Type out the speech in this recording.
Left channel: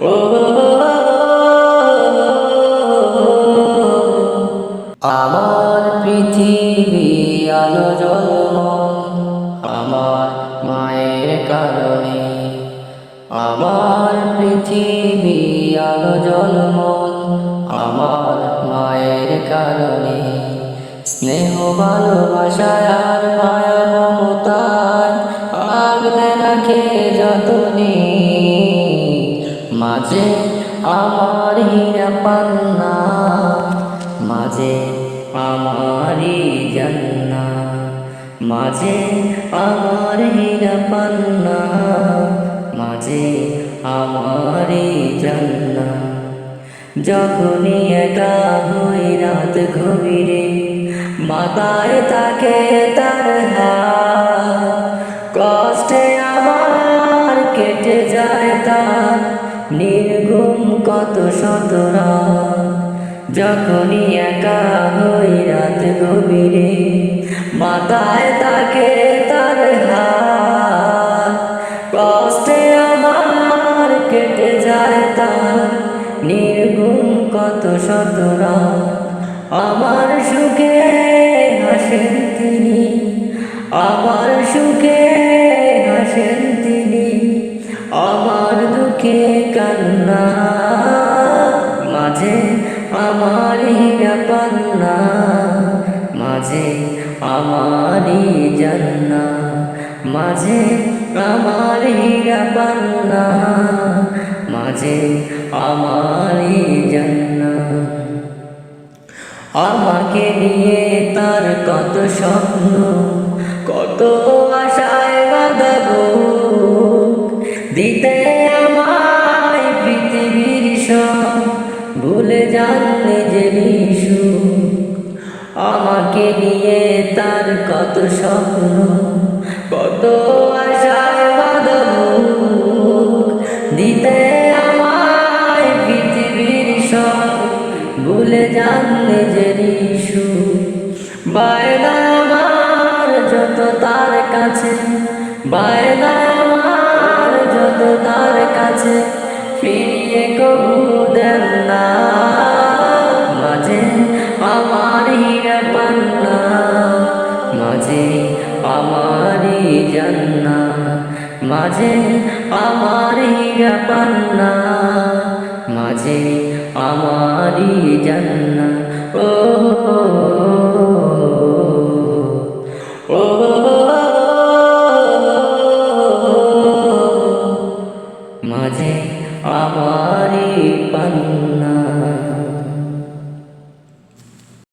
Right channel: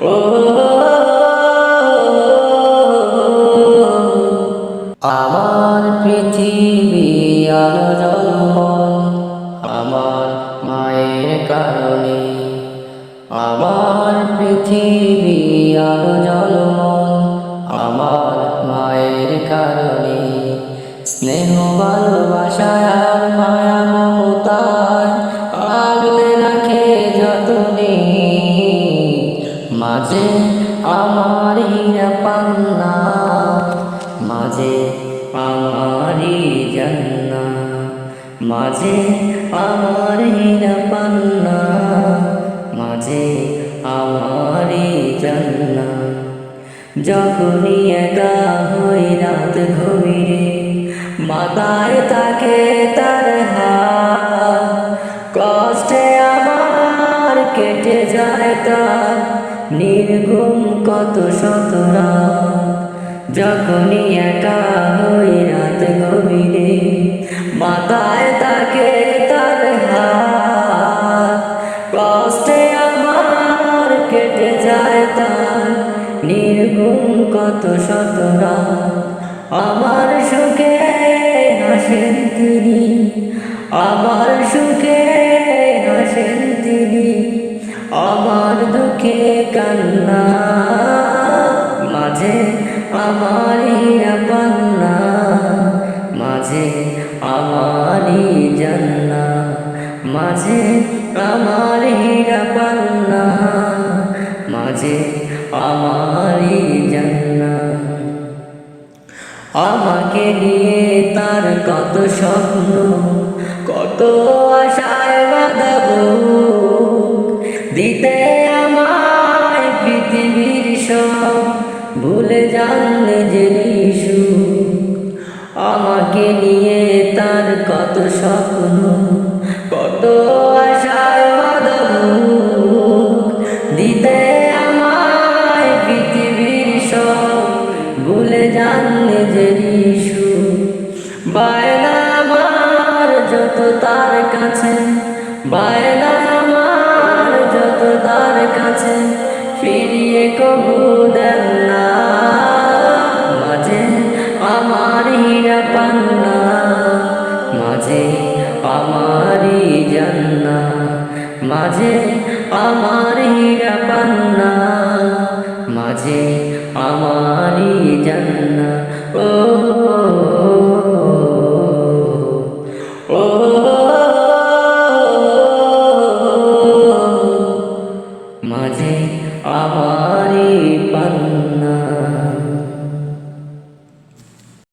ও আমার পৃথিবী আলো ঝলমল, আমার মায়ের কারণে। আমার পৃথিবী আলো ঝলমল, আমার মায়ের কারণে। স্নেহ ভালোবাসায় আর মায়া মমতায় আগলে রাখে যতনে। মাঝে আমার হীরা পান্না, মাঝে আমারি জান্নাত, মাঝে আমার হীরা পান্না, মাঝে আমারি জান্নাত। যখনই একা হই রাত গভীরে, মাথায় থাকে তার হাত, কষ্টে আমার কেটে যায় তার নির্ঘুম কত শত রাত। যখনই একা হই রাত গভীরে, মাথায় থাকে তার হাত, কষ্টে আমার কেটে যায় তার নির্ঘুম কত শত রাত। আমার সুখে হাসেন তিনি, আমার সুখে হাসেন তিনি, আমার দুঃখে কান্না। মাঝে আমার হীরা পান্না, মাঝে আমারি জান্নাত, মাঝে আমার হীরা পান্না, মাঝে আমারি জান্নাত। আমাকে নিয়ে তার কত স্বপ্ন, কত আশায় বাঁধা বুক, দিতে আমায় পৃথিবীর সব, ভুলে যান নিজের সুখ। আমাকে নিয়ে তার কত স্বপ্ন, কত আশায় বাঁধা বুক, দিতে আমায় পৃথিবীর সব, ভুলে যান নিজের সুখ। বায়না আমার যত তার কাছে, বায়না আমার যত তার কাছে, ফিরিয়ে কবু দেন না। মাঝে আমার হীরা পান্না, মাঝে আমারি জান্নাত, মাঝে আমার হীরা পান্না, মাঝে আমারি জান্নাত। ও ও মাঝে আমারি পান্না।